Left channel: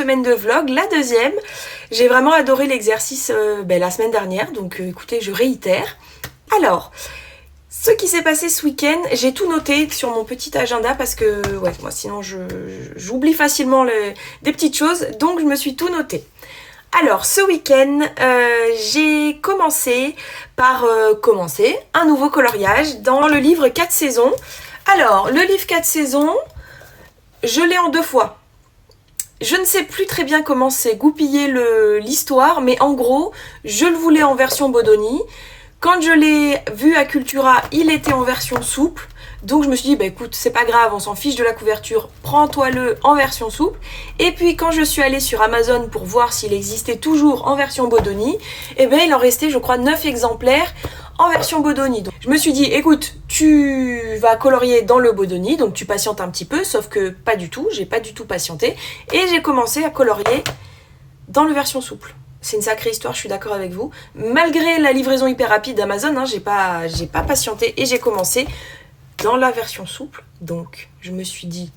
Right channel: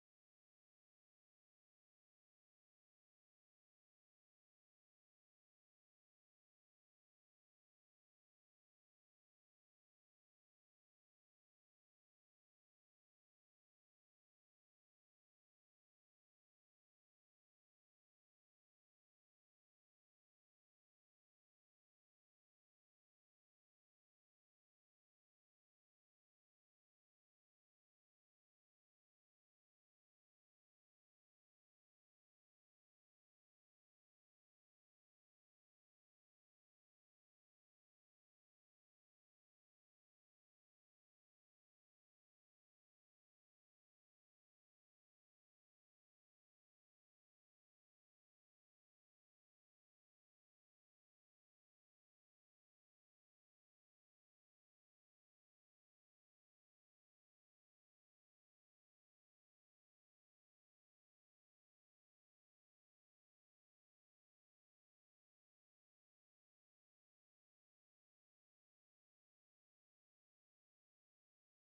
semaine de vlog, la deuxième. J'ai vraiment adoré l'exercice la semaine dernière, donc écoutez, je réitère. Alors, ce qui s'est passé ce week-end, j'ai tout noté sur mon petit agenda parce que, ouais, moi sinon j'oublie facilement des petites choses, donc je me suis tout noté. Alors, ce week-end, j'ai commencé par commencer un nouveau coloriage dans le livre 4 saisons. Alors, le livre 4 saisons, je l'ai en 2 fois. Je ne sais plus très bien comment s'est goupillée l'histoire, mais en gros, je le voulais en version Bodoni. Quand je l'ai vu à Cultura, il était en version souple. Donc je me suis dit, bah écoute, c'est pas grave, on s'en fiche de la couverture, prends-toi-le en version souple. Et puis quand je suis allée sur Amazon pour voir s'il existait toujours en version Bodoni, eh bien il en restait, je crois, 9 exemplaires en version Bodoni. Donc je me suis dit, écoute, tu vas colorier dans le Bodoni, donc tu patientes un petit peu, sauf que pas du tout, j'ai pas du tout patienté. Et j'ai commencé à colorier dans le version souple. C'est une sacrée histoire, je suis d'accord avec vous. Malgré la livraison hyper rapide d'Amazon, hein, j'ai pas patienté et j'ai commencé dans la version souple. Donc, je me suis dit,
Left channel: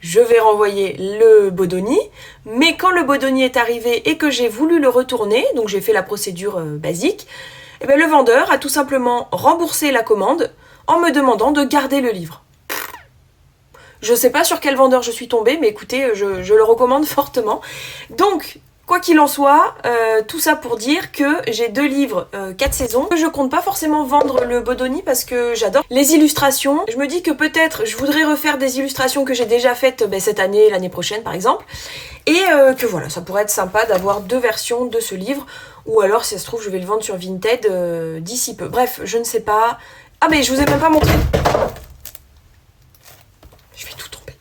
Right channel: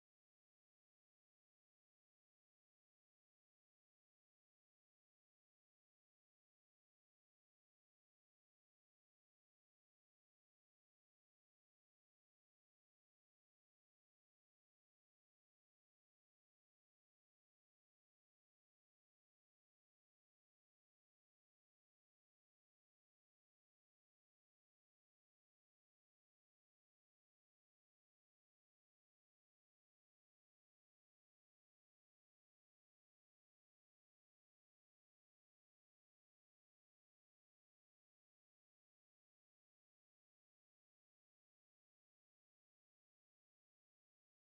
je vais renvoyer le Bodoni. Mais quand le Bodoni est arrivé et que j'ai voulu le retourner, donc j'ai fait la procédure basique, et bien le vendeur a tout simplement remboursé la commande en me demandant de garder le livre. Je sais pas sur quel vendeur je suis tombée, mais écoutez, je le recommande fortement. Donc, quoi qu'il en soit, tout ça pour dire que j'ai 2 livres, 4 saisons. Je compte pas forcément vendre le Bodoni parce que j'adore les illustrations. Je me dis que peut-être je voudrais refaire des illustrations que j'ai déjà faites cette année, l'année prochaine par exemple. Et que voilà, ça pourrait être sympa d'avoir 2 versions de ce livre. Ou alors, si ça se trouve, je vais le vendre sur Vinted d'ici peu. Bref, je ne sais pas. Ah mais je vous ai même pas montré. Je vais tout tomber.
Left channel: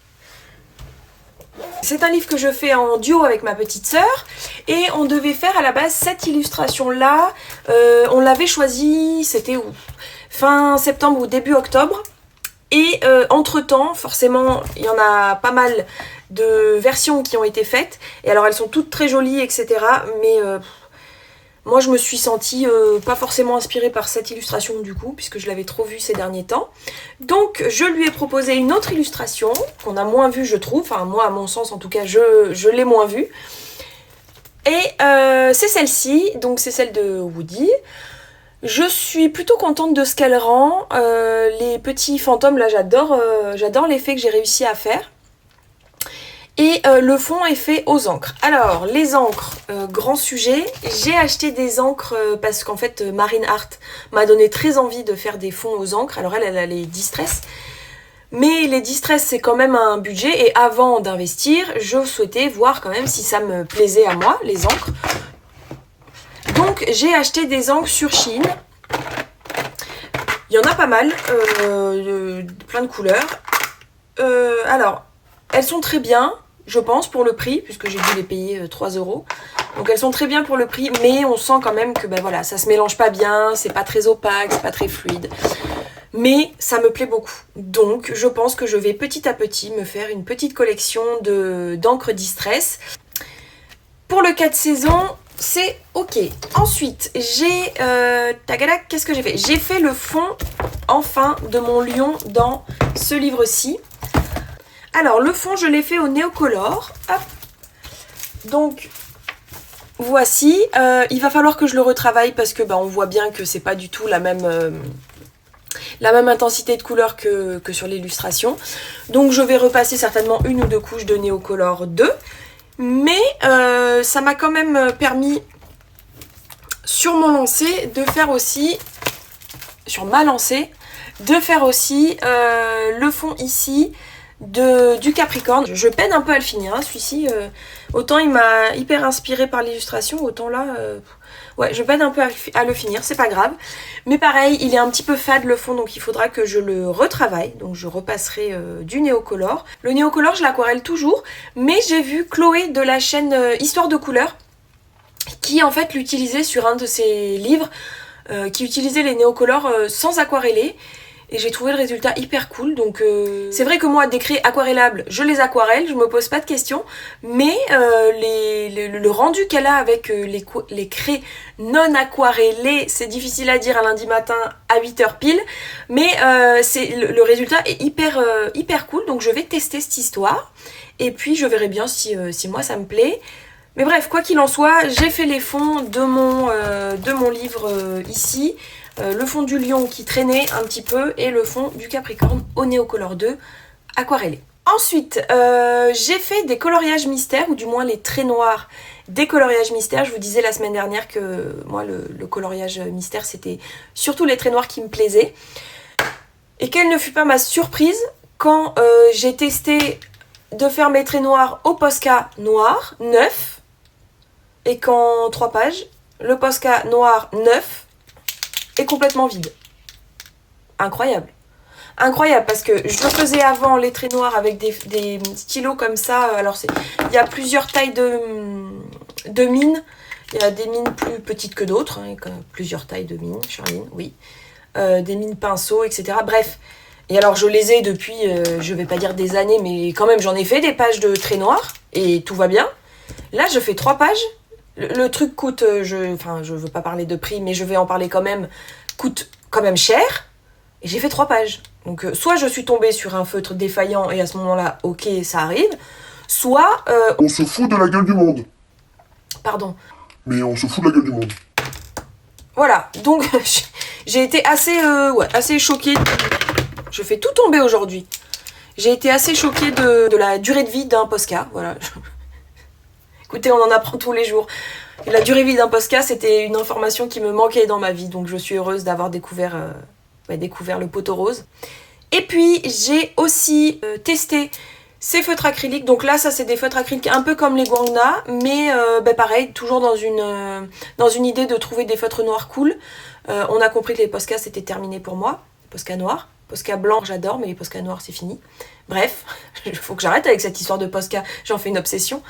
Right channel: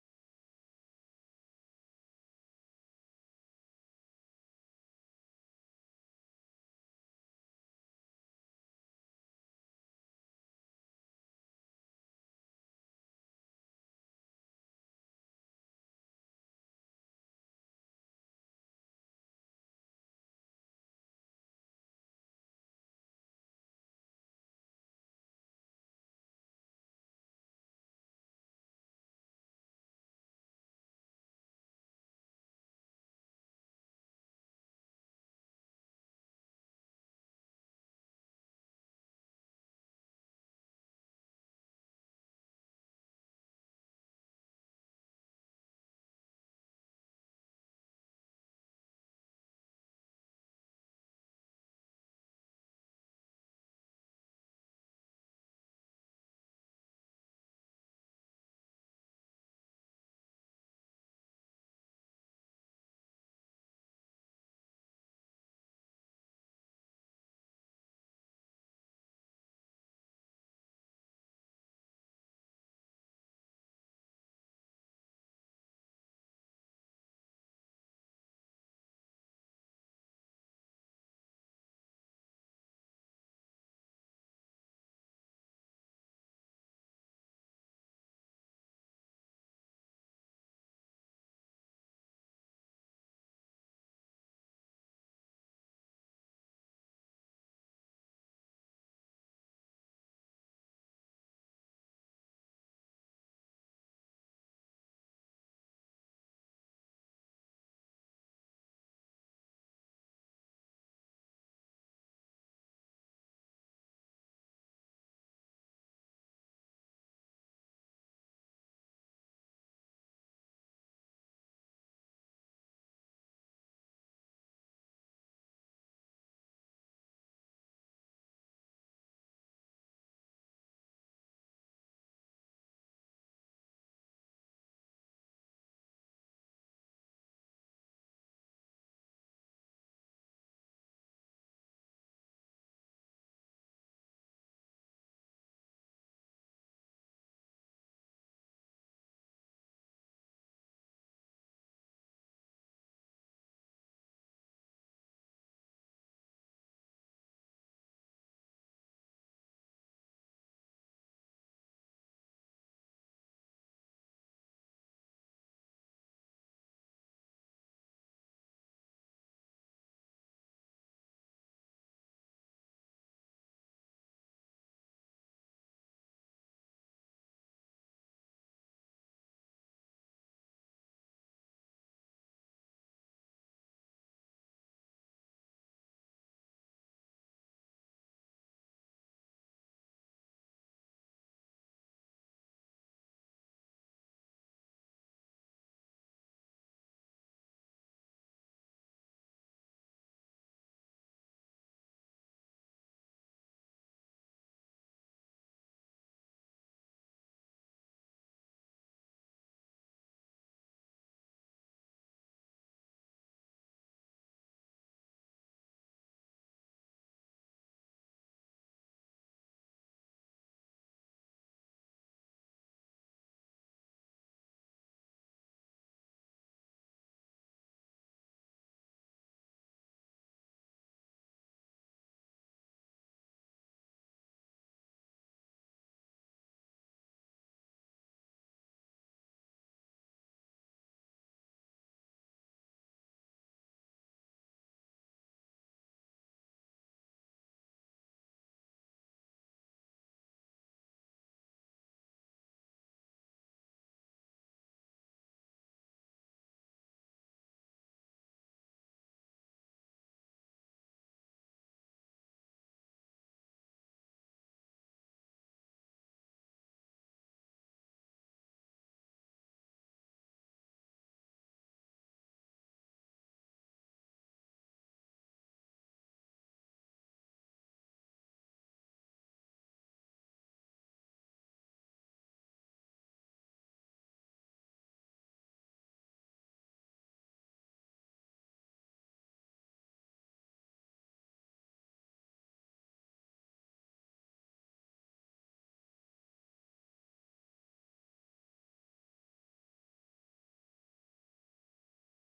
C'est un livre que je fais en duo avec ma petite sœur et on devait faire à la base cette illustration-là. On l'avait choisie, c'était où ? Fin septembre ou début octobre. Et entre-temps, forcément, il y en a pas mal de versions qui ont été faites. Et alors, elles sont toutes très jolies, etc. Mais moi, je me suis sentie pas forcément inspirée par cette illustration du coup, puisque je l'avais trop vue ces derniers temps. Donc, je lui ai proposé une autre illustration, qu'on a moins vue, je trouve. Enfin, moi, à mon sens, en tout cas, je l'ai moins vue. Et c'est celle-ci, donc c'est celle de Woody. Je suis plutôt contente de ce qu'elle rend. Les petits fantômes, là, j'adore l'effet que j'ai réussi à faire. Et le fond est fait aux encres. Alors, les encres, grand sujet. J'ai acheté des encres parce qu'en fait, Marine Art m'a donné très envie de faire des fonds aux encres. Alors elle a les Distress. Mais les Distress, c'est quand même un budget. Et avant d'investir, je souhaitais voir quand même si ça me plaisait à moi, les encres. Donc, j'ai acheté des encres sur Shein. Il y en a pas mal, plein de couleurs. Alors, elles sont très bien. Je pense, pour le prix, puisque j'ai dû les payer 3 €. Donc elles sont très bien pour le prix, mais on sent quand même que voilà, ça se mélange pas bien, c'est pas très opaque, c'est pas très fluide. Mais ça me plaît beaucoup. Donc je pense que je vais petit à petit me faire une petite collection d'encre Distress. Pour le 4 saisons, c'est ok. Ensuite, qu'est-ce que j'ai fait ? J'ai fait le fond, enfin, de mon lion dans ce livre-ci. Alors, le fond, je l'ai fait au Neocolor. Hop. Donc, voici. Il va falloir que je le retravaille parce que on voit bien que c'est pas du tout la même intensité de couleur que sur l'illustration. Donc, je vais repasser certainement 1 ou 2 couches de Neocolor 2. Mais ça m'a quand même permis, sur mon lancer, de faire aussi... Sur ma lancée, de faire aussi le fond ici... du Capricorne. Je peine un peu à le finir, hein, celui-ci. Autant il m'a hyper inspiré par l'illustration, autant là, ouais, je peine un peu à le finir, c'est pas grave. Mais pareil, il est un petit peu fade le fond, donc il faudra que je le retravaille. Donc je repasserai du Neocolor. Le Neocolor, je l'aquarelle toujours, mais j'ai vu Chloé de la chaîne Histoire de couleurs, qui en fait l'utilisait sur un de ses livres, qui utilisait les Neocolors sans aquareller. et j'ai trouvé le résultat hyper cool. Donc c'est vrai que moi, des craies aquarellables, je les aquarelle, je me pose pas de questions, mais le rendu qu'elle a avec les craies non aquarellées, c'est difficile à dire un lundi matin à 8h pile, mais le résultat est hyper cool, donc je vais tester cette histoire, et puis je verrai bien si moi ça me plaît. Mais bref, quoi qu'il en soit, j'ai fait les fonds de mon livre ici. Le fond du lion qui traînait un petit peu et le fond du Capricorne au Neocolor 2 aquarellé. Ensuite, j'ai fait des coloriages mystères, ou du moins les traits noirs des coloriages mystères. Je vous disais la semaine dernière que moi, le coloriage mystère, c'était surtout les traits noirs qui me plaisaient. Et quelle ne fut pas ma surprise quand j'ai testé de faire mes traits noirs au Posca noir, neuf, et qu'en 3 pages, le Posca noir neuf est complètement vide. Incroyable. Incroyable, parce que je faisais avant les traits noirs avec des stylos comme ça. Alors il y a plusieurs tailles de mines. Il y a des mines plus petites que d'autres, hein, plusieurs tailles de mines, Charline, oui. Des mines pinceaux, etc. Bref. Et alors je les ai depuis, je vais pas dire des années, mais quand même j'en ai fait des pages de traits noirs et tout va bien. Là je fais 3 pages. Le truc coûte, je veux pas parler de prix, mais je vais en parler quand même, coûte quand même cher. Et j'ai fait 3 pages. Donc soit je suis tombée sur un feutre défaillant et à ce moment-là, ok, ça arrive. Soit... On se fout de la gueule du monde. Pardon. Mais on se fout de la gueule du monde. Voilà, donc j'ai été assez choquée. Je fais tout tomber aujourd'hui. J'ai été assez choquée de la durée de vie d'un Posca, voilà. Écoutez, on en apprend tous les jours. Et la durée de vie d'un Posca, c'était une information qui me manquait dans ma vie. Donc je suis heureuse d'avoir découvert le poteau rose. Et puis j'ai aussi testé ces feutres acryliques. Donc là, ça c'est des feutres acryliques un peu comme les Guangna. Mais pareil, toujours dans une idée de trouver des feutres noirs cool. On a compris que les Posca c'était terminé pour moi. Les Posca noirs. Posca blanc, j'adore, mais les Posca noirs c'est fini. Bref, il faut que j'arrête avec cette histoire de Posca. J'en fais une obsession.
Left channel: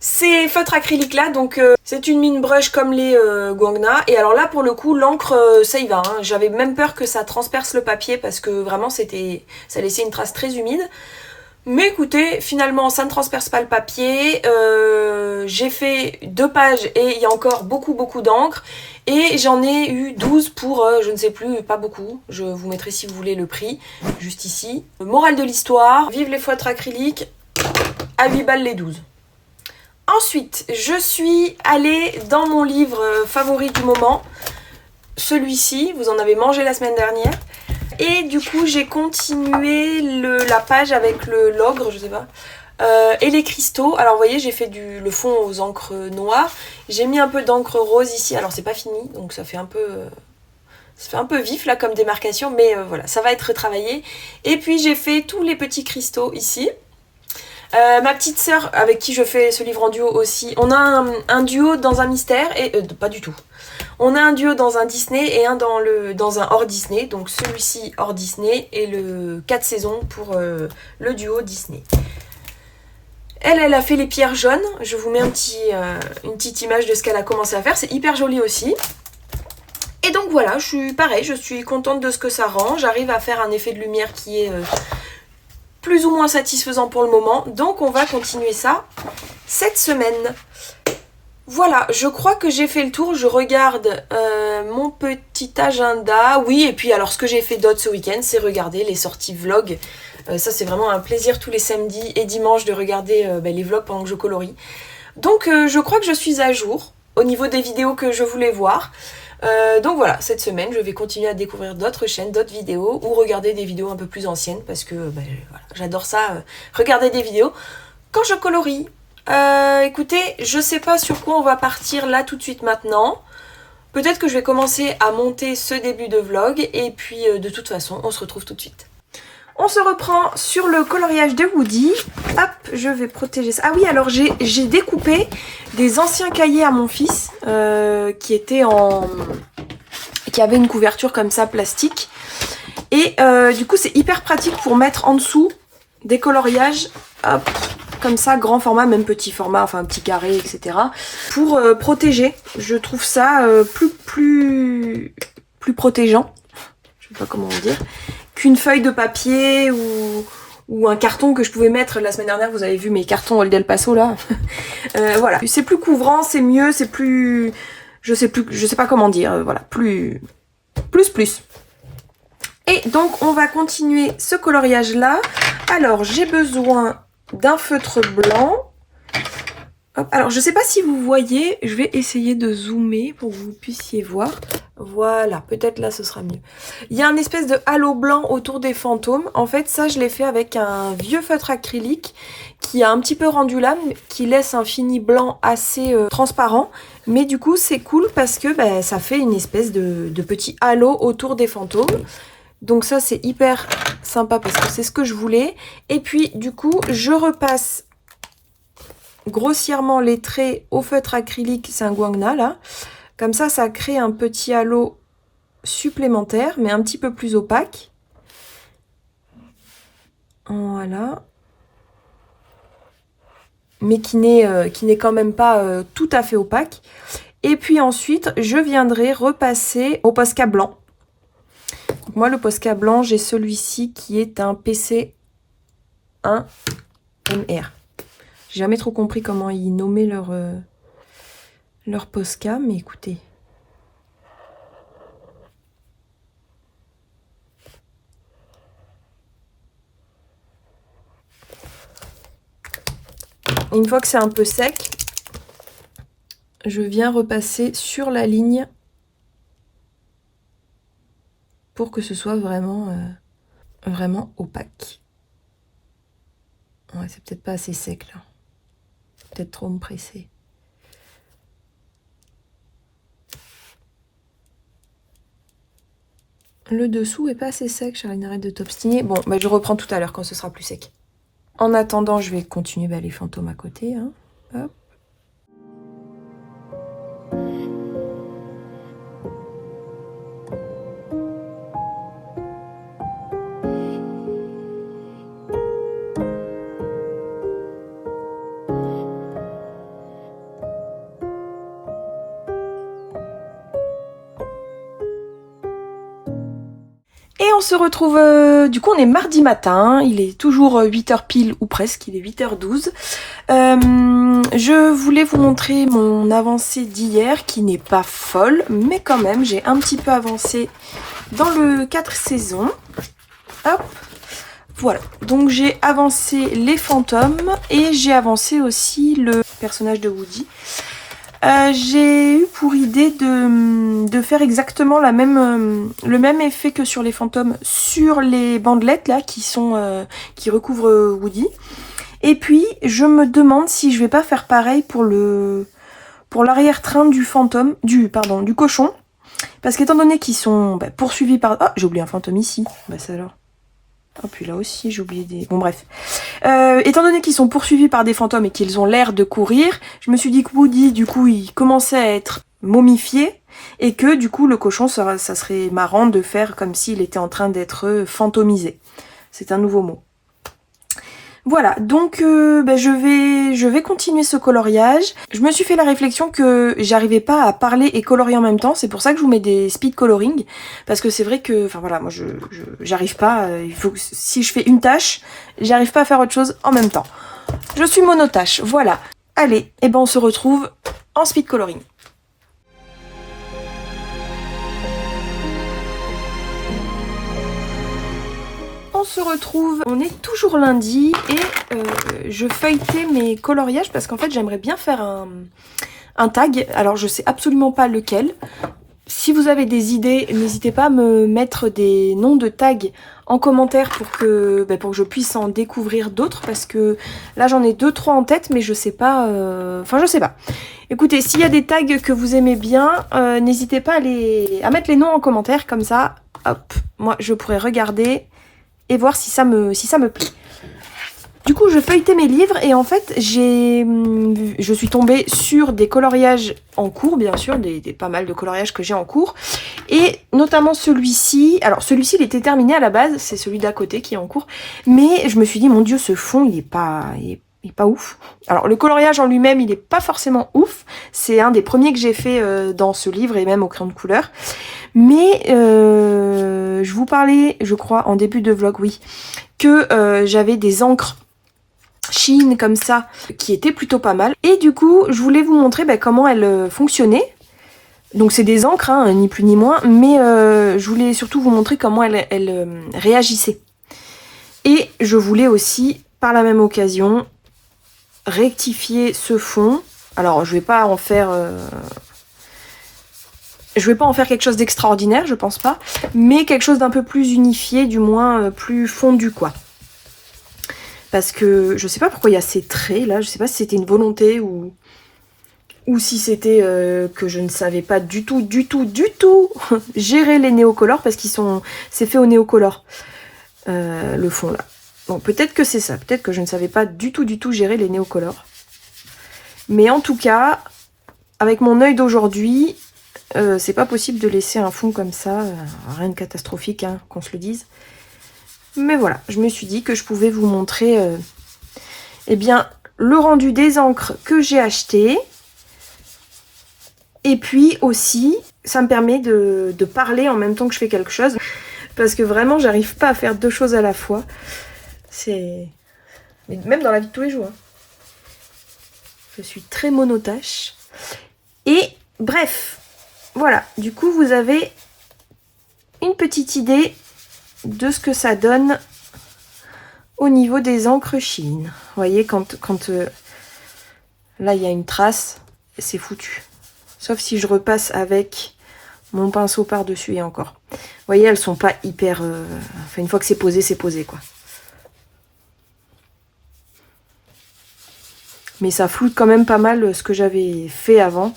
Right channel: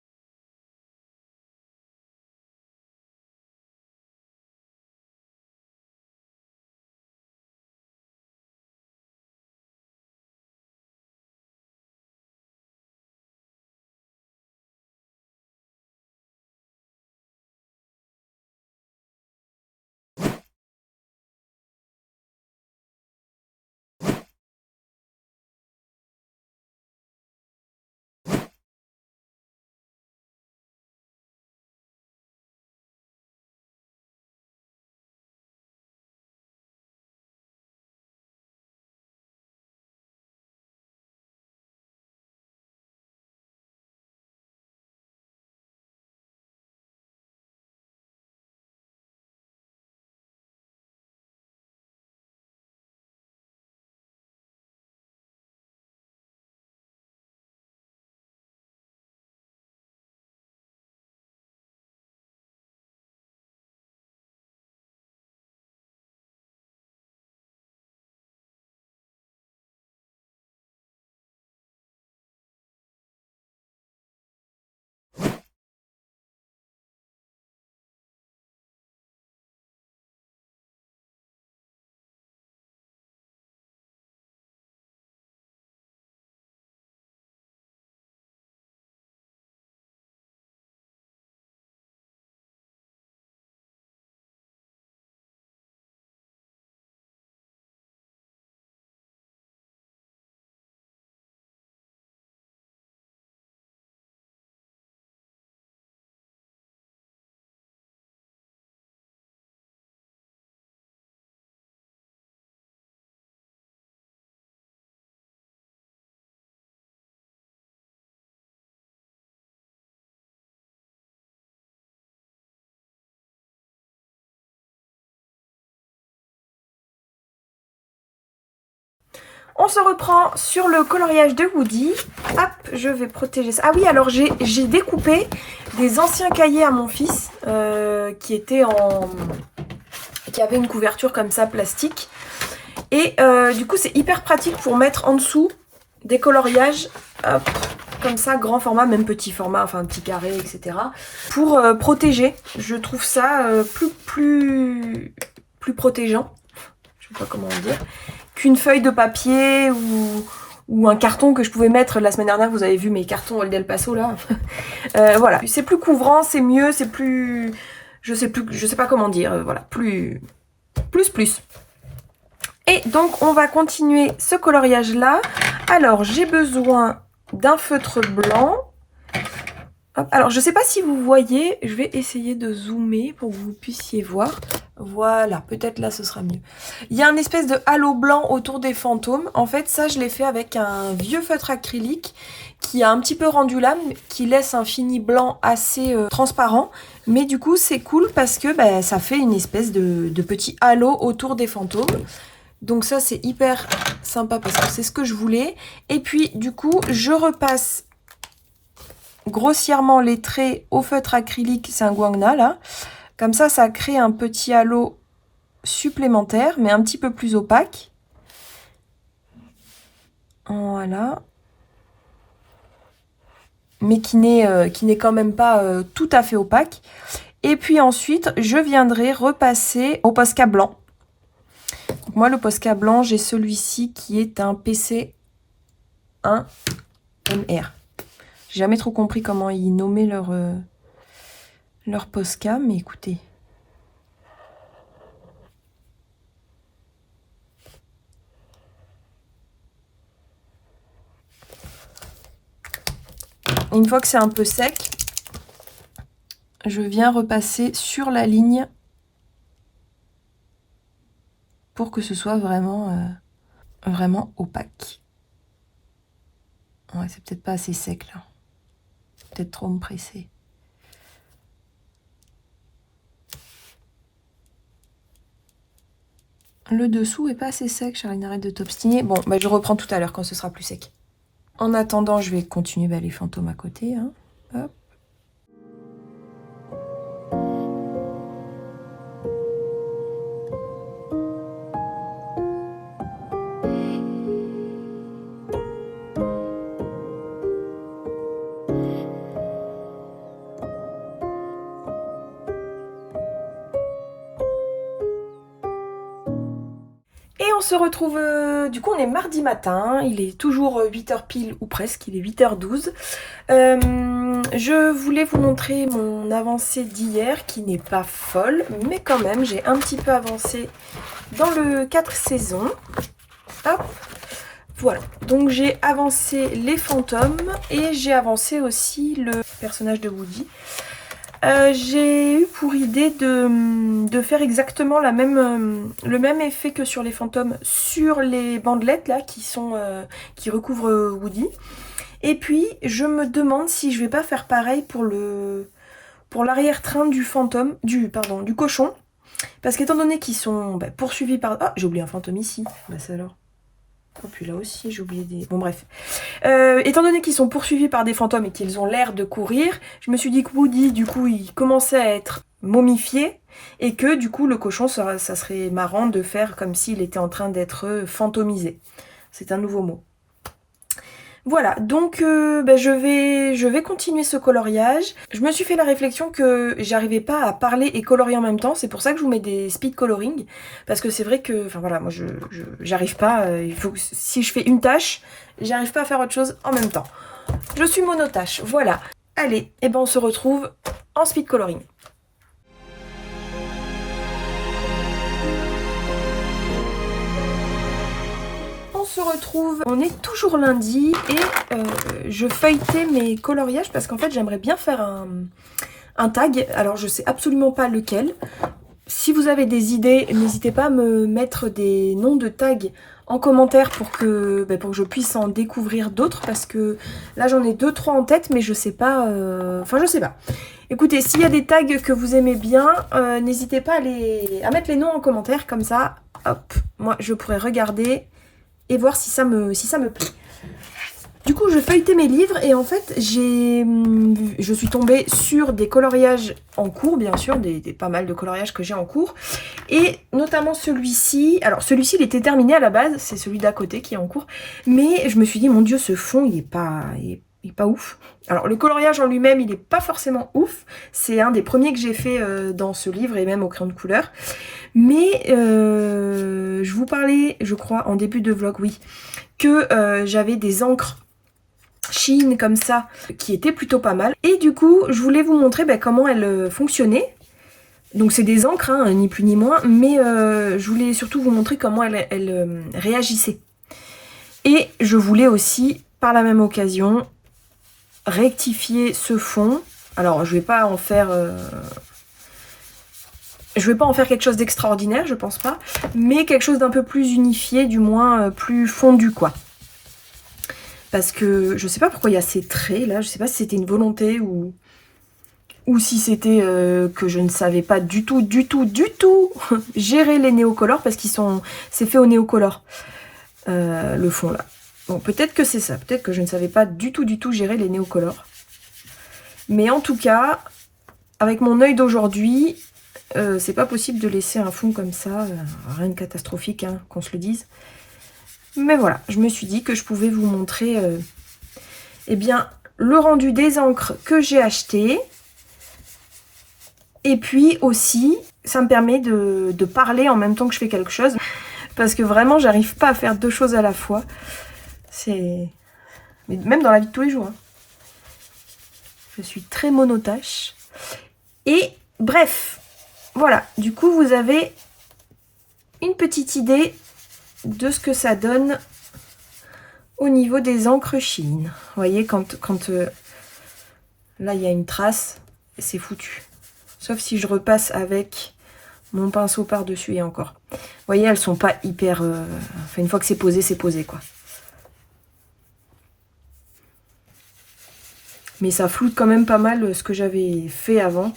Ces feutres acryliques là, donc c'est une mine brush comme les Guangna. Et alors là pour le coup l'encre ça y va, hein. J'avais même peur que ça transperce le papier parce que vraiment ça laissait une trace très humide. Mais écoutez, finalement ça ne transperce pas le papier. J'ai fait 2 pages et il y a encore beaucoup d'encre. Et j'en ai eu 12 pour, je ne sais plus, pas beaucoup. Je vous mettrai si vous voulez le prix, juste ici. Morale de l'histoire, vive les feutres acryliques, à 8 balles les 12. Ensuite, je suis allée dans mon livre favori du moment, celui-ci, vous en avez mangé la semaine dernière. Et du coup, j'ai continué la page avec l'ogre, je sais pas, et les cristaux. Alors vous voyez, j'ai fait le fond aux encres noires. J'ai mis un peu d'encre rose ici, alors c'est pas fini, donc ça fait un peu vif là comme démarcation, mais voilà, ça va être retravaillé. Et puis j'ai fait tous les petits cristaux ici. Ma petite sœur avec qui je fais ce livre en duo aussi, on a un duo dans un mystère et pas du tout. On a un duo dans un Disney et un dans un hors Disney, donc celui-ci hors Disney et le 4 saisons pour le duo Disney. Elle a fait les pierres jaunes, je vous mets une petite image de ce qu'elle a commencé à faire, c'est hyper joli aussi. Et donc voilà, je suis contente de ce que ça rend, j'arrive à faire un effet de lumière qui est plus ou moins satisfaisant pour le moment, donc on va continuer ça cette semaine. Voilà, je crois que j'ai fait le tour, je regarde mon petit agenda, oui, et puis alors ce que j'ai fait d'autre ce week-end, c'est regarder les sorties vlog. Ça c'est vraiment un plaisir tous les samedis et dimanches de regarder les vlogs pendant que je colorie. Donc je crois que je suis à jour au niveau des vidéos que je voulais voir. Donc voilà, cette semaine, je vais continuer à découvrir d'autres chaînes, d'autres vidéos ou regarder des vidéos un peu plus anciennes parce que voilà, j'adore ça, regarder des vidéos quand je colorie. Écoutez, je sais pas sur quoi on va partir là tout de suite maintenant. Peut-être que je vais commencer à monter ce début de vlog et puis de toute façon, on se retrouve tout de suite. On se reprend sur le coloriage de Woody. Hop, je vais protéger ça. Ah oui, alors j'ai découpé des anciens cahiers à mon fils qui avaient une couverture comme ça, plastique. Et du coup, c'est hyper pratique pour mettre en dessous des coloriages, hop, comme ça, grand format, même petit format, enfin petit carré, etc. Pour protéger. Je trouve ça plus protégeant. Je je sais pas comment dire, qu'une feuille de papier ou un carton que je pouvais mettre. La semaine dernière, vous avez vu mes cartons Old El Paso là. Voilà, c'est plus couvrant, c'est mieux, c'est plus... Je sais pas comment dire, voilà, plus. Et donc, on va continuer ce coloriage-là. Alors, j'ai besoin d'un feutre blanc. Hop. Alors, je sais pas si vous voyez, je vais essayer de zoomer pour que vous puissiez voir. Voilà, peut-être là, ce sera mieux. Il y a un espèce de halo blanc autour des fantômes. En fait, ça, je l'ai fait avec un vieux feutre acrylique qui a un petit peu rendu l'âme, qui laisse un fini blanc assez transparent. Mais du coup, c'est cool parce que ça fait une espèce de petit halo autour des fantômes. Donc ça, c'est hyper sympa parce que c'est ce que je voulais. Et puis, du coup, je repasse grossièrement les traits au feutre acrylique. C'est un Guangna, là. Comme ça, ça crée un petit halo supplémentaire, mais un petit peu plus opaque. Voilà. Mais qui n'est quand même pas tout à fait opaque. Et puis ensuite, je viendrai repasser au Posca blanc. Donc moi, le Posca blanc, j'ai celui-ci qui est un PC1MR. J'ai jamais trop compris comment ils nommaient leur Posca, mais écoutez. Une fois que c'est un peu sec, je viens repasser sur la ligne pour que ce soit vraiment, vraiment opaque. Ouais, c'est peut-être pas assez sec là. Peut-être trop me presser. Le dessous est pas assez sec, Charline, arrête de t'obstiner. Bon, je reprends tout à l'heure quand ce sera plus sec. En attendant, je vais continuer les fantômes à côté. Hein. Hop. Et on se retrouve, du coup on est mardi matin, il est toujours 8h pile ou presque, il est 8h12. Je voulais vous montrer mon avancée d'hier qui n'est pas folle, mais quand même j'ai un petit peu avancé dans le 4 saisons. Hop, voilà, donc j'ai avancé les fantômes et j'ai avancé aussi le personnage de Woody. J'ai eu pour idée de faire exactement le même effet que sur les fantômes sur les bandelettes là qui recouvrent Woody. Et puis je me demande si je vais pas faire pareil pour l'arrière-train du du cochon. Parce qu'étant donné qu'ils sont poursuivis par... Ah, j'ai oublié un fantôme ici. C'est alors... Oh, puis là aussi, j'ai oublié des... Bon, bref. Étant donné qu'ils sont poursuivis par des fantômes et qu'ils ont l'air de courir, je me suis dit que Woody, du coup, il commençait à être momifié et que, du coup, le cochon, ça serait marrant de faire comme s'il était en train d'être fantomisé. C'est un nouveau mot. Voilà, donc je vais continuer ce coloriage. Je me suis fait la réflexion que j'arrivais pas à parler et colorier en même temps. C'est pour ça que je vous mets des speed coloring. Parce que c'est vrai que, enfin voilà, moi j'arrive pas. Il faut que, si je fais une tâche, j'arrive pas à faire autre chose en même temps. Je suis monotâche, voilà. Allez, et on se retrouve en speed coloring. On se retrouve, on est toujours lundi et je feuilletais mes coloriages parce qu'en fait j'aimerais bien faire un tag. Alors je sais absolument pas lequel. Si vous avez des idées, n'hésitez pas à me mettre des noms de tags en commentaire pour que je puisse en découvrir d'autres parce que là j'en ai 2-3 en tête mais je sais pas, enfin je sais pas. Écoutez, s'il y a des tags que vous aimez bien, n'hésitez pas à mettre les noms en commentaire comme ça, hop, moi je pourrais regarder et voir si ça me plaît. Du coup, je feuilletais mes livres et en fait, je suis tombée sur des coloriages en cours, bien sûr, pas mal de coloriages que j'ai en cours. Et notamment celui-ci. Alors, celui-ci, il était terminé à la base, c'est celui d'à côté qui est en cours. Mais je me suis dit, mon Dieu, ce fond, il est pas ouf. Alors, le coloriage en lui-même, il est pas forcément ouf. C'est un des premiers que j'ai fait dans ce livre et même au crayon de couleur. Mais je vous parlais, je crois, en début de vlog, oui, que j'avais des encres Shein comme ça, qui étaient plutôt pas mal. Et du coup, je voulais vous montrer comment elles fonctionnaient. Donc c'est des encres, hein, ni plus ni moins, mais je voulais surtout vous montrer comment elles réagissaient. Et je voulais aussi, par la même occasion, rectifier ce fond. Alors je vais pas en faire... quelque chose d'extraordinaire, je pense pas, mais quelque chose d'un peu plus unifié, du moins plus fondu, quoi. Parce que je sais pas pourquoi il y a ces traits là, je sais pas si c'était une volonté ou si c'était que je ne savais pas du tout gérer les néocolores, parce c'est fait au néocolore, le fond là. Bon, peut-être que c'est ça, peut-être que je ne savais pas du tout gérer les néocolores. Mais en tout cas, avec mon œil d'aujourd'hui, c'est pas possible de laisser un fond comme ça, rien de catastrophique, hein, qu'on se le dise. Mais voilà, je me suis dit que je pouvais vous montrer eh bien, le rendu des encres que j'ai achetées. Et puis aussi, ça me permet de parler en même temps que je fais quelque chose. Parce que vraiment, j'arrive pas à faire deux choses à la fois. C'est... Même dans la vie de tous les jours. Hein. Je suis très monotache. Et bref, voilà. Du coup, vous avez une petite idée de ce que ça donne au niveau des encres Shein. Vous voyez, quand là, il y a une trace, c'est foutu. Sauf si je repasse avec mon pinceau par-dessus et encore. Vous voyez, elles sont pas hyper... Enfin, une fois que c'est posé, quoi. Mais ça floute quand même pas mal ce que j'avais fait avant.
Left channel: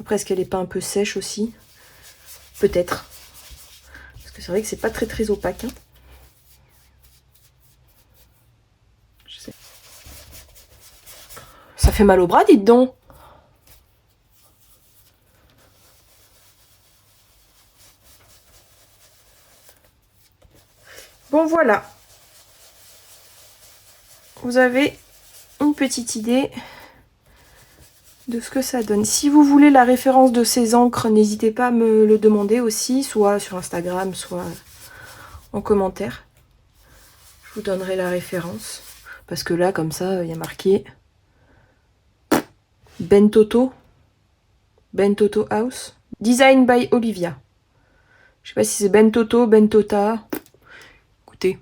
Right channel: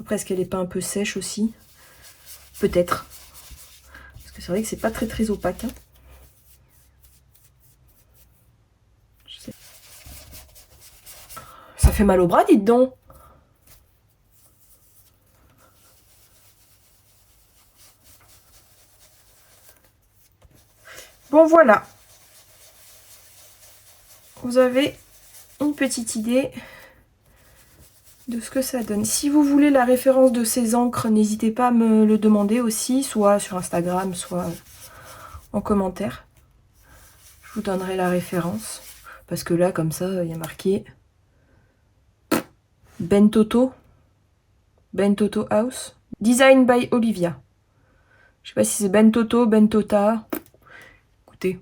Après, est-ce qu'elle est pas un peu sèche aussi? Peut-être. Parce que c'est vrai que c'est pas très opaque. Hein. Je sais. Ça fait mal au bras, dites donc. Bon, voilà. Vous avez une petite idée de ce que ça donne. Si vous voulez la référence de ces encres, n'hésitez pas à me le demander aussi, soit sur Instagram, soit en commentaire. Je vous donnerai la référence. Parce que là, comme ça, il y a marqué Bentoto House. Design by Olivia. Je sais pas si c'est Bentoto, Bentota. Écoutez.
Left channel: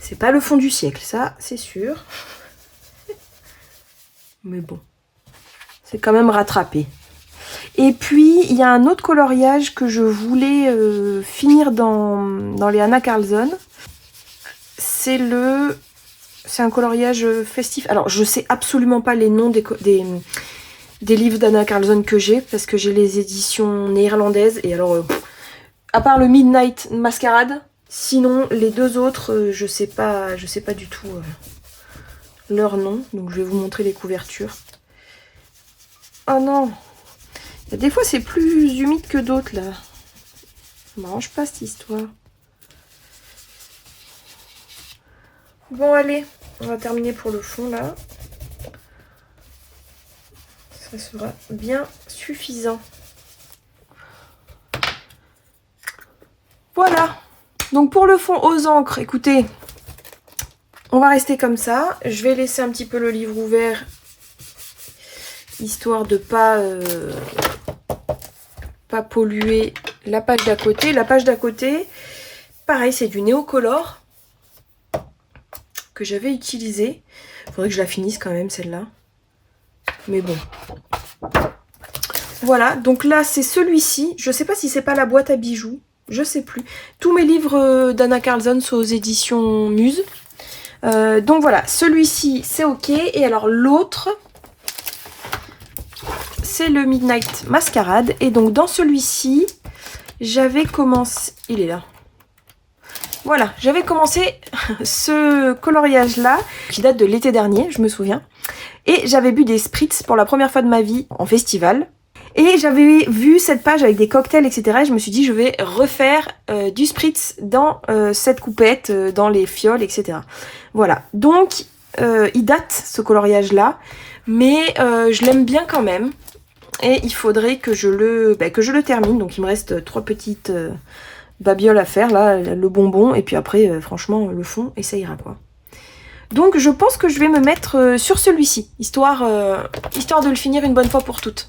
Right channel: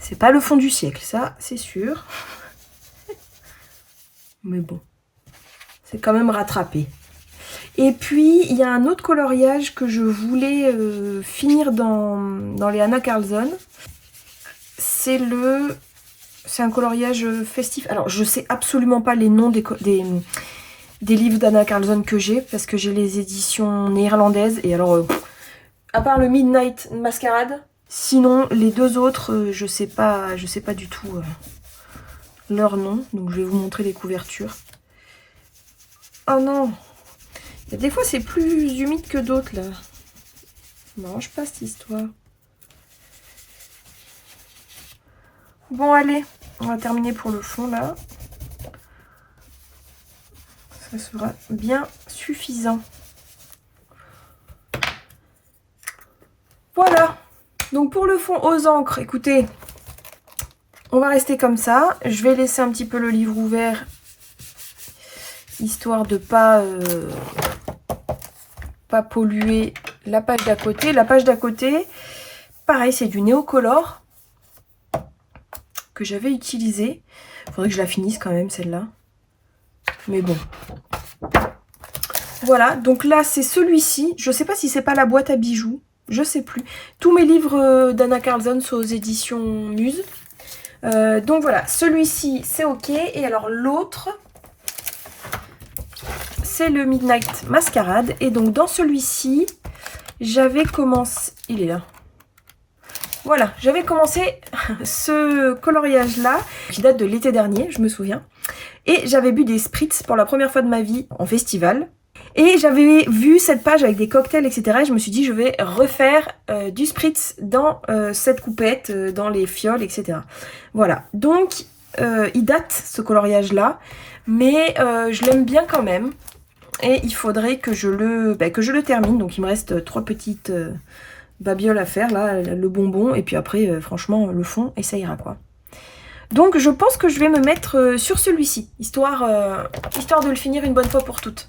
C'est pas le fond du siècle, ça, c'est sûr. Mais bon. C'est quand même rattrapé. Et puis, il y a un autre coloriage que je voulais finir dans les Anna Carlson. C'est un coloriage festif. Alors, je sais absolument pas les noms des livres d'Anna Carlson que j'ai, parce que j'ai les éditions néerlandaises. Et alors, à part le Midnight Masquerade, sinon, les deux autres, je sais pas du tout leur nom. Donc, je vais vous montrer les couvertures. Oh non! Des fois, c'est plus humide que d'autres, là. Ça m'arrange pas, cette histoire. Bon, allez, on va terminer pour le fond, là. Ça sera bien suffisant. Voilà. Donc, pour le fond aux encres, écoutez, on va rester comme ça. Je vais laisser un petit peu le livre ouvert, histoire de pas polluer la page d'à côté. La page d'à côté, pareil, c'est du néocolore que j'avais utilisé. Il faudrait que je la finisse quand même, celle-là. Mais bon. Voilà, donc là, c'est celui-ci. Je sais pas si c'est pas la boîte à bijoux. Je sais plus. Tous mes livres d'Anna Carlson sont aux éditions Muse. Donc voilà, celui-ci, c'est ok. Et alors l'autre, c'est le Midnight Masquerade. Et donc dans celui-ci, j'avais commencé... Il est là. Voilà, j'avais commencé ce coloriage-là, qui date de l'été dernier, je me souviens. Et j'avais bu des spritz pour la première fois de ma vie en festival. Et j'avais vu cette page avec des cocktails, etc. Et je me suis dit, je vais refaire du spritz dans cette coupette, dans les fioles, etc. Voilà, donc il date ce coloriage-là, mais je l'aime bien quand même. Et il faudrait que je le termine. Donc il me reste 3 petites babioles à faire, là, le bonbon. Et puis après, franchement, le fond, et ça ira quoi. Donc je pense que je vais me mettre sur celui-ci, histoire de le finir une bonne fois pour toutes.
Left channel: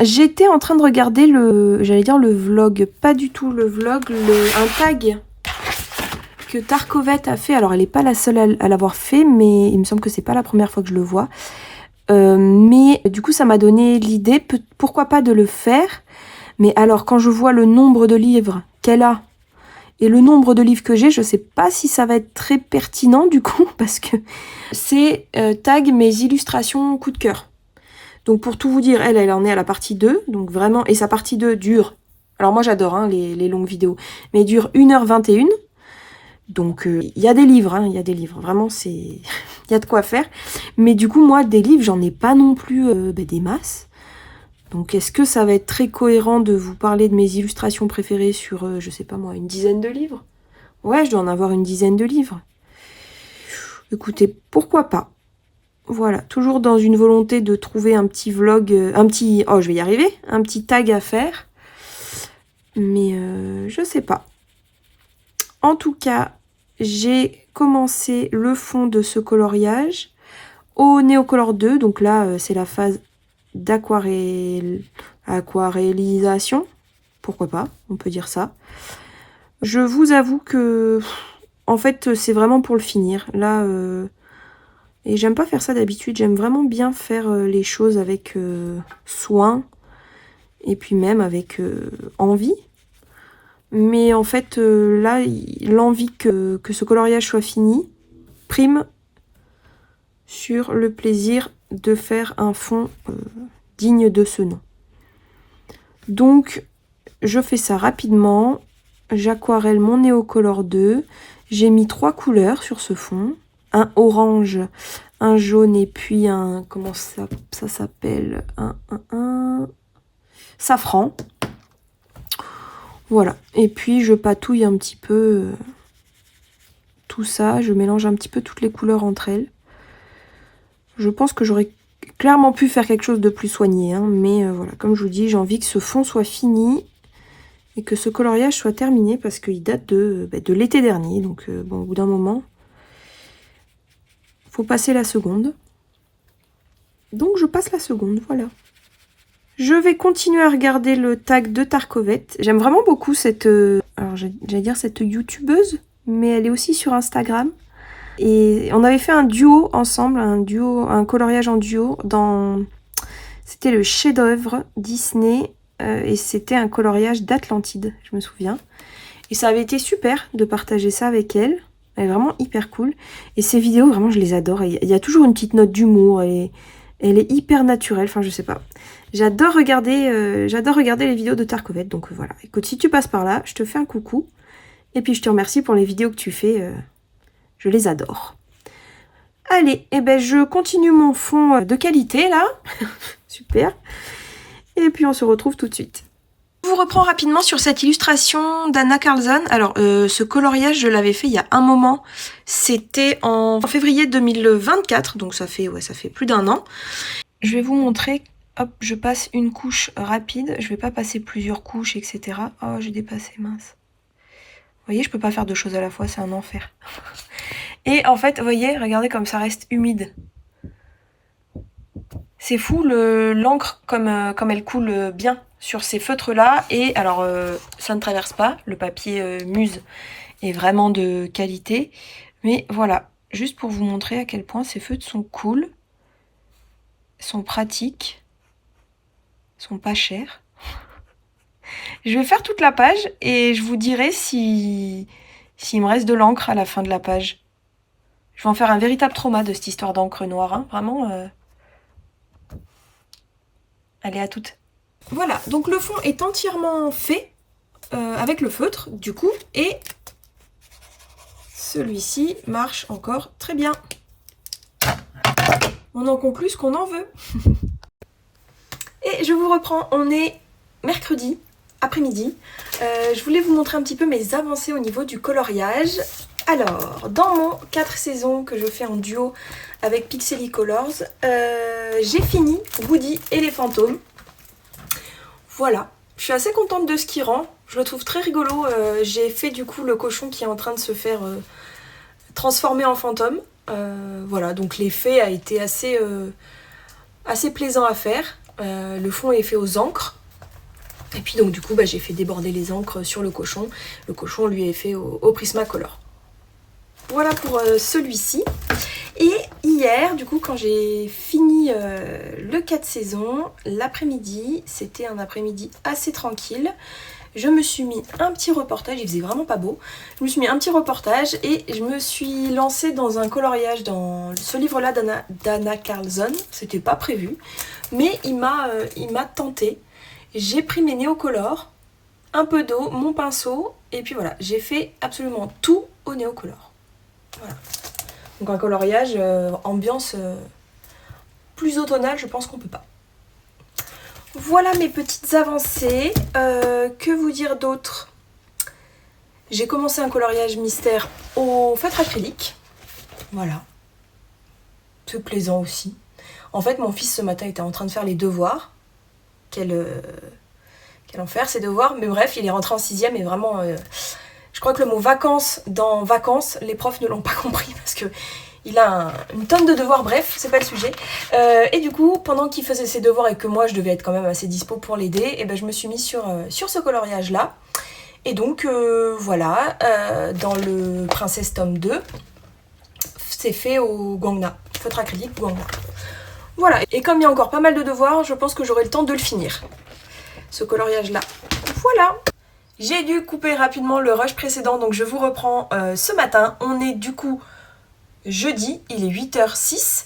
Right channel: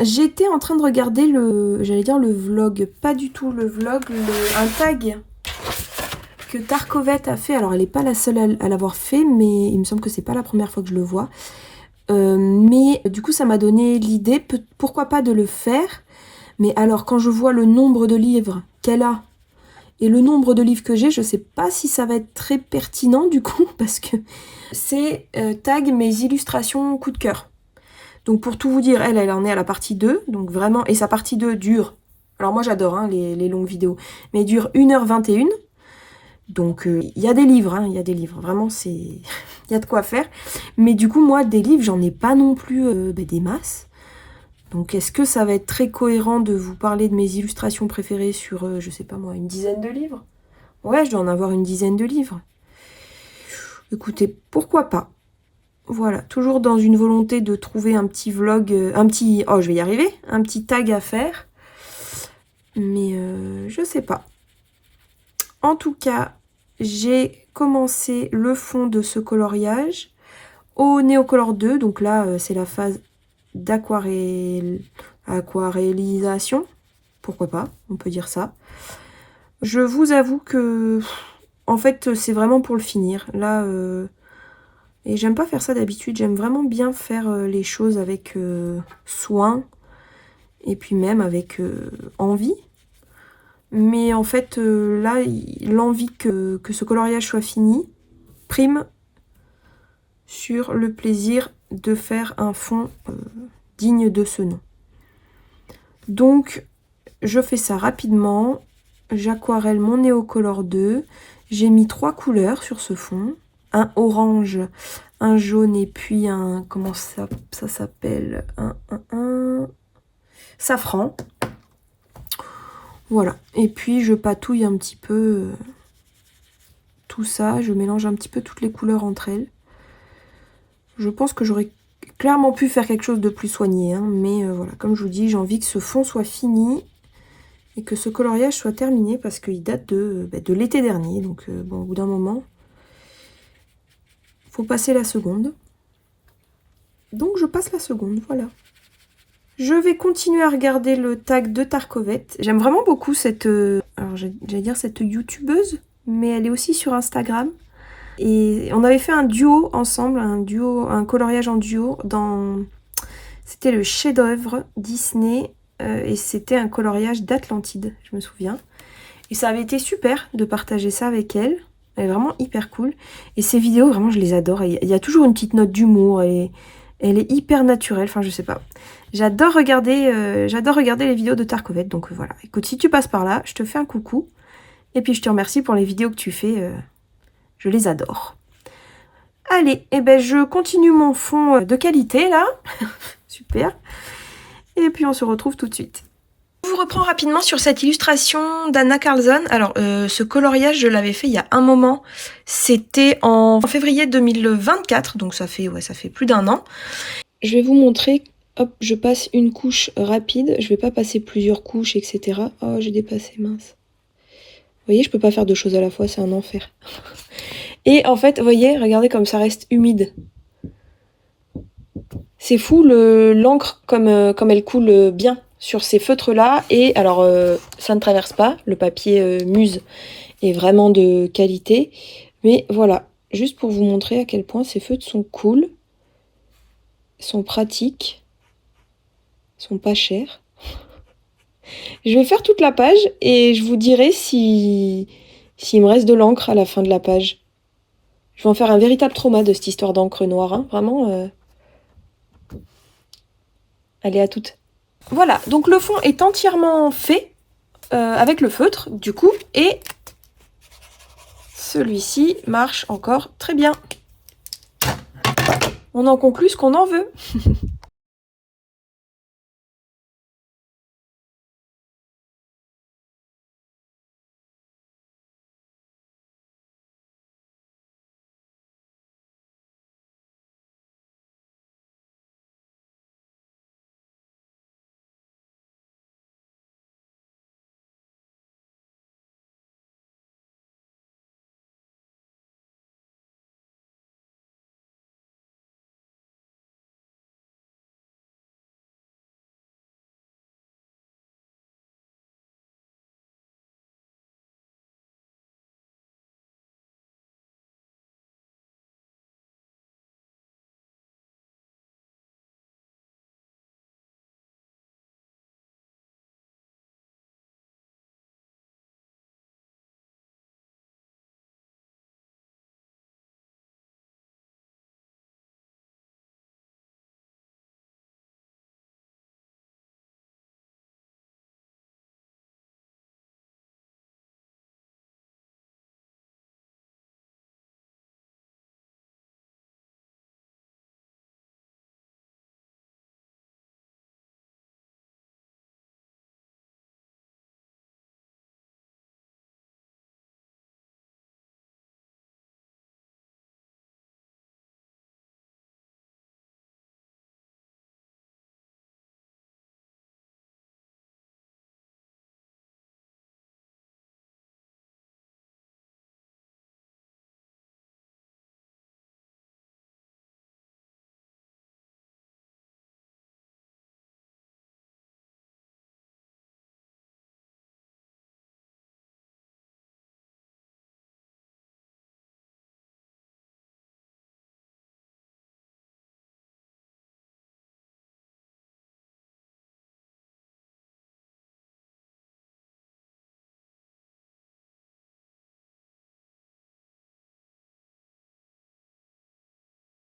J'étais en train de regarder le vlog, pas du tout le vlog, un tag que Tarkovette a fait. Alors elle n'est pas la seule à l'avoir fait, mais il me semble que c'est pas la première fois que je le vois. Mais du coup ça m'a donné l'idée, pourquoi pas de le faire. Mais alors quand je vois le nombre de livres qu'elle a, et le nombre de livres que j'ai, je sais pas si ça va être très pertinent du coup, parce que c'est tag mes illustrations coup de cœur. Donc pour tout vous dire, elle en est à la partie 2, donc vraiment, et sa partie 2 dure, alors moi j'adore hein, les longues vidéos, mais dure 1h21, donc il y a des livres, hein, il y a des livres, vraiment c'est, il y a de quoi faire, mais du coup moi des livres j'en ai pas non plus des masses. Donc est-ce que ça va être très cohérent de vous parler de mes illustrations préférées sur, je sais pas moi, une dizaine de livres? Ouais, je dois en avoir une dizaine de livres. Écoutez, pourquoi pas? Voilà, toujours dans une volonté de trouver un petit vlog, oh je vais y arriver, un petit tag à faire. Mais je sais pas. En tout cas, j'ai commencé le fond de ce coloriage au Neocolor 2. Donc là, c'est la phase aquarellisation, pourquoi pas, on peut dire ça. Je vous avoue que, en fait, c'est vraiment pour le finir. Là, et j'aime pas faire ça d'habitude, j'aime vraiment bien faire les choses avec soin, et puis même avec envie. Mais en fait, là, l'envie que ce coloriage soit fini prime sur le plaisir de faire un fond digne de ce nom. Donc, je fais ça rapidement. J'aquarelle mon Neocolor 2. J'ai mis 3 couleurs sur ce fond. Un orange, un jaune et puis un... Comment ça s'appelle? Un safran. Voilà. Et puis, je patouille un petit peu tout ça. Je mélange un petit peu toutes les couleurs entre elles. Je pense que j'aurais clairement pu faire quelque chose de plus soigné, hein, mais voilà, comme je vous dis, j'ai envie que ce fond soit fini et que ce coloriage soit terminé parce qu'il date de l'été dernier. Donc bon, au bout d'un moment, faut passer la seconde. Donc je passe la seconde, voilà. Je vais continuer à regarder le tag de Tarkovette. J'aime vraiment beaucoup cette, alors j'allais dire cette youtubeuse, mais elle est aussi sur Instagram. Et on avait fait un duo ensemble, un coloriage en duo dans... C'était le chef-d'œuvre Disney et c'était un coloriage d'Atlantide, je me souviens. Et ça avait été super de partager ça avec elle. Elle est vraiment hyper cool. Et ces vidéos, vraiment, je les adore. Il y a toujours une petite note d'humour. Elle est hyper naturelle. Enfin, je sais pas. J'adore regarder les vidéos de Tarkovette. Donc voilà. Écoute, si tu passes par là, je te fais un coucou. Et puis je te remercie pour les vidéos que tu fais. Je les adore. Allez, et ben je continue mon fond de qualité là. Super. Et puis on se retrouve tout de suite. Je vous reprends rapidement sur cette illustration d'Anna Carlson. Alors ce coloriage, je l'avais fait il y a un moment. C'était en février 2024, donc ça fait plus d'un an. Je vais vous montrer. Hop, je passe une couche rapide. Je vais pas passer plusieurs couches, etc. Oh, j'ai dépassé, mince. Vous voyez, je peux pas faire deux choses à la fois, c'est un enfer. Et en fait, vous voyez, regardez comme ça reste humide. C'est fou l'encre comme elle coule bien sur ces feutres-là. Et alors, ça ne traverse pas. Le papier Muse est vraiment de qualité. Mais voilà, juste pour vous montrer à quel point ces feutres sont cool, sont pratiques, sont pas chers. Je vais faire toute la page et je vous dirai s'il me reste de l'encre à la fin de la page. Je vais en faire un véritable trauma de cette histoire d'encre noire, hein. Vraiment. Allez, à toutes. Voilà, donc le fond est entièrement fait avec le feutre, du coup, et celui-ci marche encore très bien. On en conclut ce qu'on en veut. Et je vous reprends, on est mercredi après-midi. Je voulais vous montrer un petit peu mes avancées au niveau du coloriage. Alors, dans mon 4 saisons que je fais en duo avec Pixelicolors, j'ai fini Woody et les fantômes. Voilà, je suis assez contente de ce qui rend. Je le trouve très rigolo. J'ai fait du coup le cochon qui est en train de se faire transformer en fantôme. Voilà, donc l'effet a été assez plaisant à faire. Le fond est fait aux encres. Et puis donc du coup j'ai fait déborder les encres sur le cochon. Le cochon lui est fait au Prismacolor. Voilà pour celui-ci. Et hier, du coup, quand j'ai fini le 4 saisons, l'après-midi, c'était un après-midi assez tranquille. Je me suis mis un petit reportage, il faisait vraiment pas beau. Je me suis mis un petit reportage et je me suis lancée dans un coloriage dans ce livre-là d'Anna Carlson. C'était pas prévu, mais il m'a tenté. J'ai pris mes néocolores, un peu d'eau, mon pinceau, et puis voilà, j'ai fait absolument tout au néocolore. Voilà. Donc un coloriage ambiance plus automnale, je pense qu'on peut pas. Voilà mes petites avancées. Que vous dire d'autre? J'ai commencé un coloriage mystère au feutre acrylique. Voilà. C'est plaisant aussi. En fait, mon fils ce matin était en train de faire les devoirs. Quel enfer ses devoirs. Mais bref, il est rentré en 6e et vraiment... je crois que le mot vacances dans vacances, les profs ne l'ont pas compris parce que il a une tonne de devoirs, bref, c'est pas le sujet. Et du coup, pendant qu'il faisait ses devoirs et que moi je devais être quand même assez dispo pour l'aider, et je me suis mise sur ce coloriage là. Et donc voilà, dans le Princesse tome 2, c'est fait au Guangna, feutre acrylique Guangna. Voilà, et comme il y a encore pas mal de devoirs, je pense que j'aurai le temps de le finir, ce coloriage là. Voilà. J'ai dû couper rapidement le rush précédent, donc je vous reprends ce matin. On est du coup jeudi, il est 8h06.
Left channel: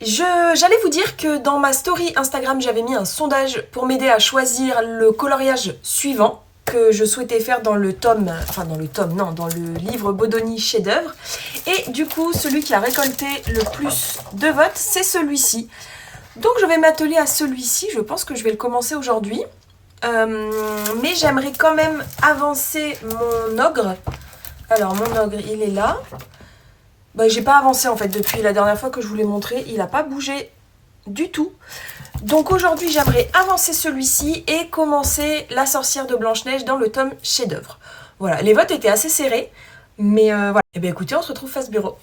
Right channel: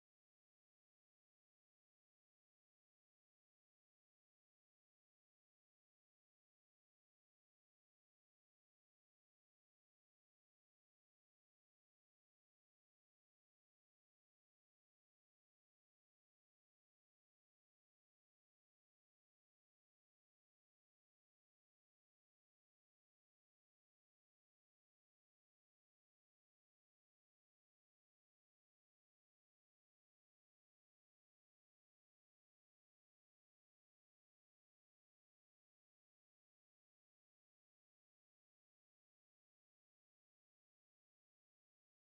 J'allais vous dire que dans ma story Instagram, j'avais mis un sondage pour m'aider à choisir le coloriage suivant que je souhaitais faire dans le tome, dans le livre Bodoni chef-d'œuvre. Et du coup, celui qui a récolté le plus de votes, c'est celui-ci. Donc je vais m'atteler à celui-ci, je pense que je vais le commencer aujourd'hui. Mais j'aimerais quand même avancer mon ogre. Alors mon ogre, il est là. J'ai pas avancé en fait depuis la dernière fois que je vous l'ai montré. Il n'a pas bougé du tout. Donc aujourd'hui j'aimerais avancer celui-ci et commencer la sorcière de Blanche-Neige dans le tome chef-d'œuvre. Voilà, les votes étaient assez serrés. Mais voilà. Et bien écoutez, on se retrouve face bureau.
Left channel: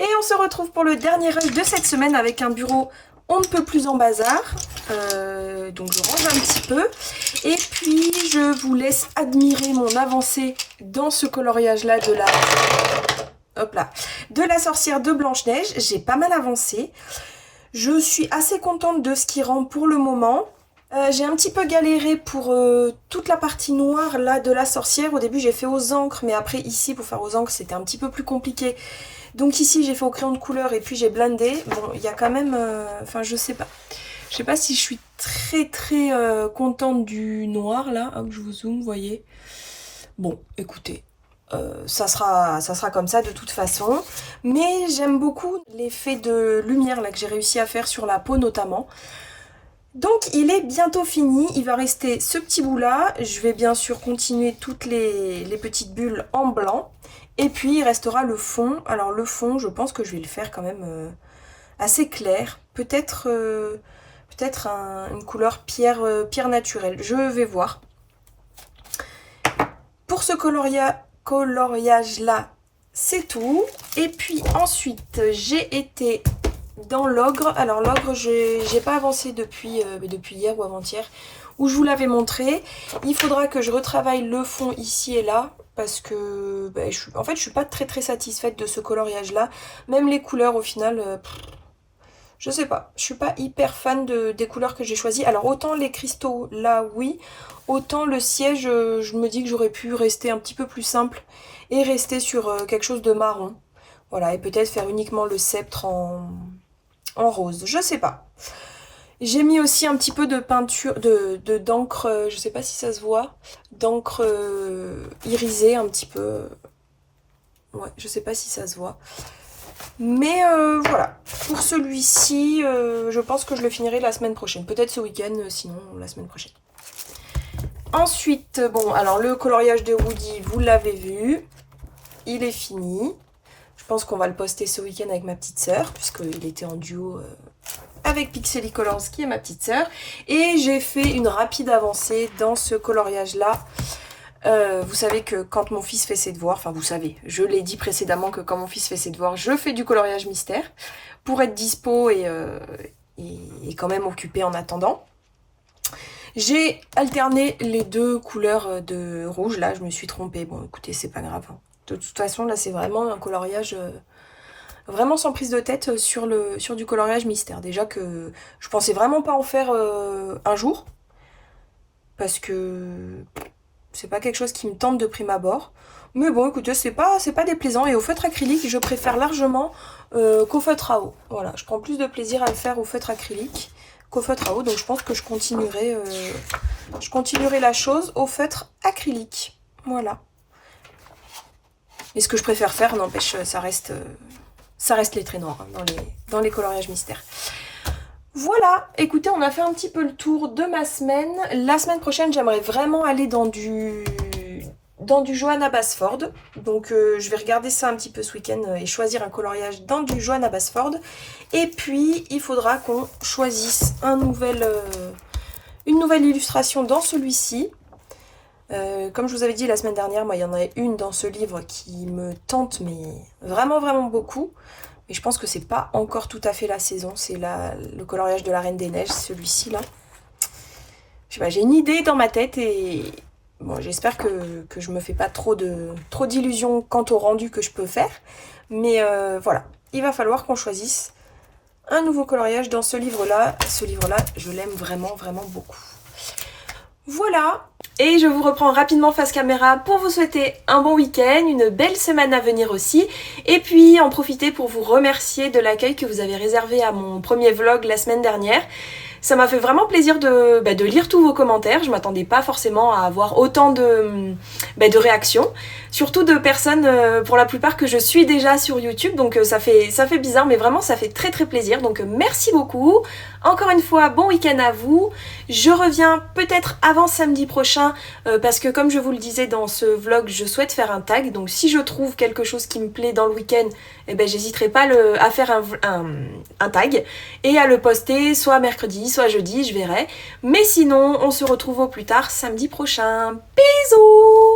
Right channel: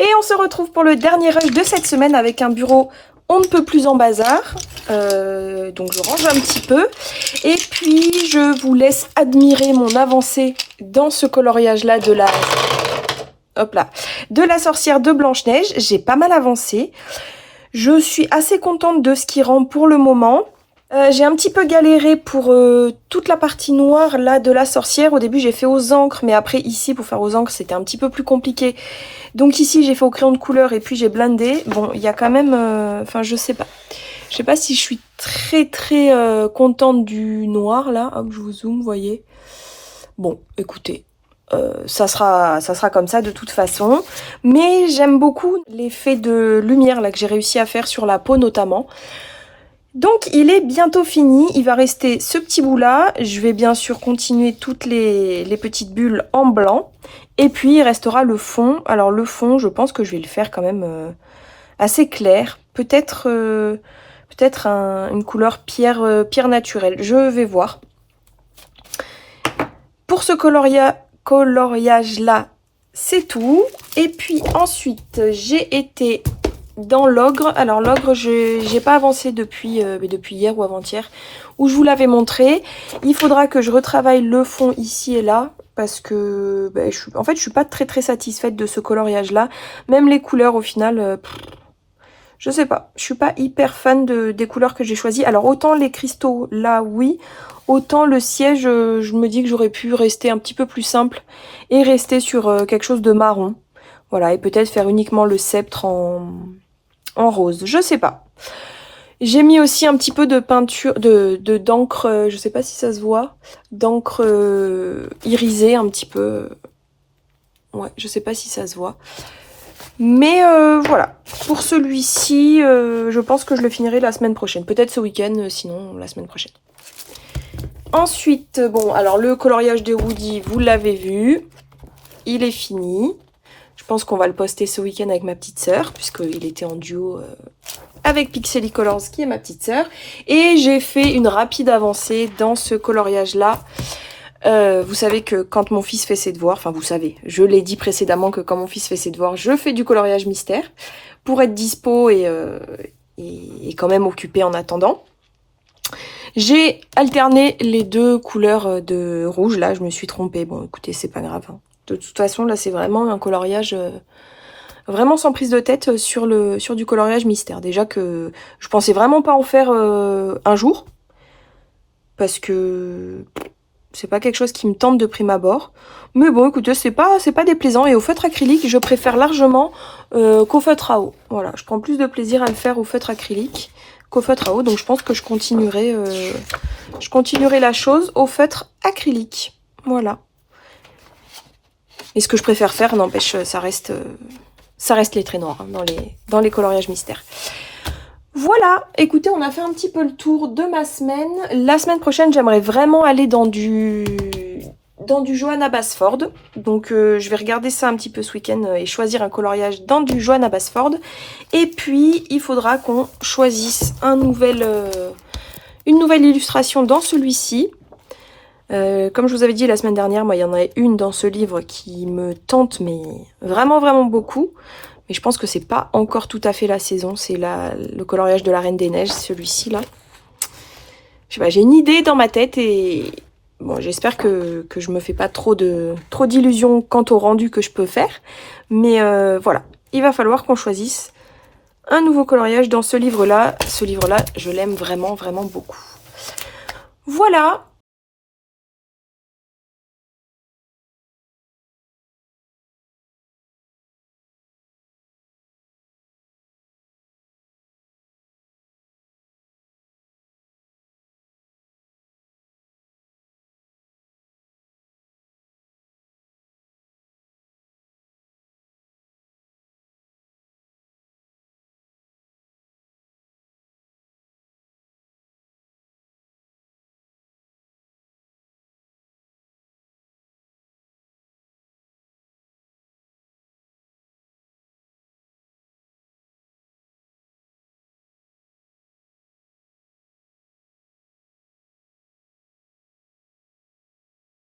Et on se retrouve pour le dernier rush de cette semaine avec un bureau on ne peut plus en bazar. Donc je range un petit peu. Et puis je vous laisse admirer mon avancée dans ce coloriage là de la hop là, de la sorcière de Blanche-Neige. J'ai pas mal avancé. Je suis assez contente de ce qui rend pour le moment. J'ai un petit peu galéré pour toute la partie noire là de la sorcière. Au début j'ai fait aux encres, mais après ici pour faire aux encres c'était un petit peu plus compliqué. Donc ici j'ai fait au crayon de couleur et puis j'ai blindé. Bon, il y a quand même... Enfin je sais pas. Je sais pas si je suis très contente du noir là. Hop, je vous zoome, vous voyez. Bon, écoutez. Ça sera comme ça de toute façon. Mais j'aime beaucoup l'effet de lumière là que j'ai réussi à faire sur la peau notamment. Donc il est bientôt fini, il va rester ce petit bout là, je vais bien sûr continuer toutes les petites bulles en blanc, et puis il restera le fond. Alors le fond, je pense que je vais le faire quand même assez clair, peut-être une couleur pierre naturelle, je vais voir. Pour ce coloriage là, c'est tout, et puis ensuite j'ai été... dans l'ogre, alors l'ogre j'ai pas avancé depuis hier ou avant-hier où je vous l'avais montré. Il faudra que je retravaille le fond ici et là parce que en fait je suis pas très satisfaite de ce coloriage là. Même les couleurs au final, je sais pas, je suis pas hyper fan des couleurs que j'ai choisies. Alors autant les cristaux là oui, autant le siège je me dis que j'aurais pu rester un petit peu plus simple et rester sur quelque chose de marron. Voilà, et peut-être faire uniquement le sceptre en rose, je sais pas. J'ai mis aussi un petit peu de peinture, d'encre, je sais pas si ça se voit, d'encre irisée un petit peu. Ouais, je sais pas si ça se voit. Mais voilà, pour celui-ci, je pense que je le finirai la semaine prochaine. Peut-être ce week-end, sinon la semaine prochaine. Ensuite, bon, alors le coloriage de Woody, vous l'avez vu. Il est fini. Je pense qu'on va le poster ce week-end avec ma petite sœur, puisqu'il était en duo avec Pixely Colors, qui est ma petite sœur. Et j'ai fait une rapide avancée dans ce coloriage-là. Vous savez que quand mon fils fait ses devoirs, enfin vous savez, je l'ai dit précédemment que quand mon fils fait ses devoirs, je fais du coloriage mystère pour être dispo et quand même occupée en attendant. J'ai alterné les deux couleurs de rouge, là je me suis trompée, bon écoutez c'est pas grave. Hein. De toute façon là c'est vraiment un coloriage vraiment sans prise de tête sur du coloriage mystère. Déjà que je pensais vraiment pas en faire un jour, parce que c'est pas quelque chose qui me tente de prime abord. Mais bon écoutez c'est pas déplaisant, et au feutre acrylique je préfère largement qu'au feutre à eau. Voilà, je prends plus de plaisir à le faire au feutre acrylique qu'au feutre à eau, donc je pense que je continuerai la chose au feutre acrylique. Voilà. Et ce que je préfère faire, n'empêche, ça reste les traits noirs hein, dans les coloriages mystères. Voilà, écoutez, on a fait un petit peu le tour de ma semaine. La semaine prochaine, j'aimerais vraiment aller dans du Johanna Basford. Donc je vais regarder ça un petit peu ce week-end et choisir un coloriage dans du Johanna Basford. Et puis, il faudra qu'on choisisse une nouvelle illustration dans celui-ci. Comme je vous avais dit la semaine dernière, moi il y en a une dans ce livre qui me tente mais vraiment beaucoup. Mais je pense que c'est pas encore tout à fait la saison. C'est le coloriage de la Reine des Neiges, celui-ci là. Je sais pas, j'ai une idée dans ma tête et bon, j'espère que je me fais pas trop d'illusions quant au rendu que je peux faire. Mais voilà, il va falloir qu'on choisisse un nouveau coloriage dans ce livre-là. Ce livre-là, je l'aime vraiment beaucoup. Voilà. Et je vous reprends rapidement face caméra pour vous souhaiter un bon week-end, une belle semaine à venir aussi. Et puis en profiter pour vous remercier de l'accueil que vous avez réservé à mon premier vlog la semaine dernière. Ça m'a fait vraiment plaisir de lire tous vos commentaires. Je m'attendais pas forcément à avoir autant de réactions. Surtout de personnes, pour la plupart, que je suis déjà sur YouTube. Donc ça fait bizarre, mais vraiment ça fait très plaisir. Donc merci beaucoup. Encore une fois, bon week-end à vous. Je reviens peut-être avant samedi prochain, parce que comme je vous le disais dans ce vlog, je souhaite faire un tag. Donc si je trouve quelque chose qui me plaît dans le week-end, eh ben, j'hésiterai pas à faire un tag et à le poster soit mercredi, soit jeudi, je verrai. Mais sinon, on se retrouve au plus tard samedi prochain. Bisous!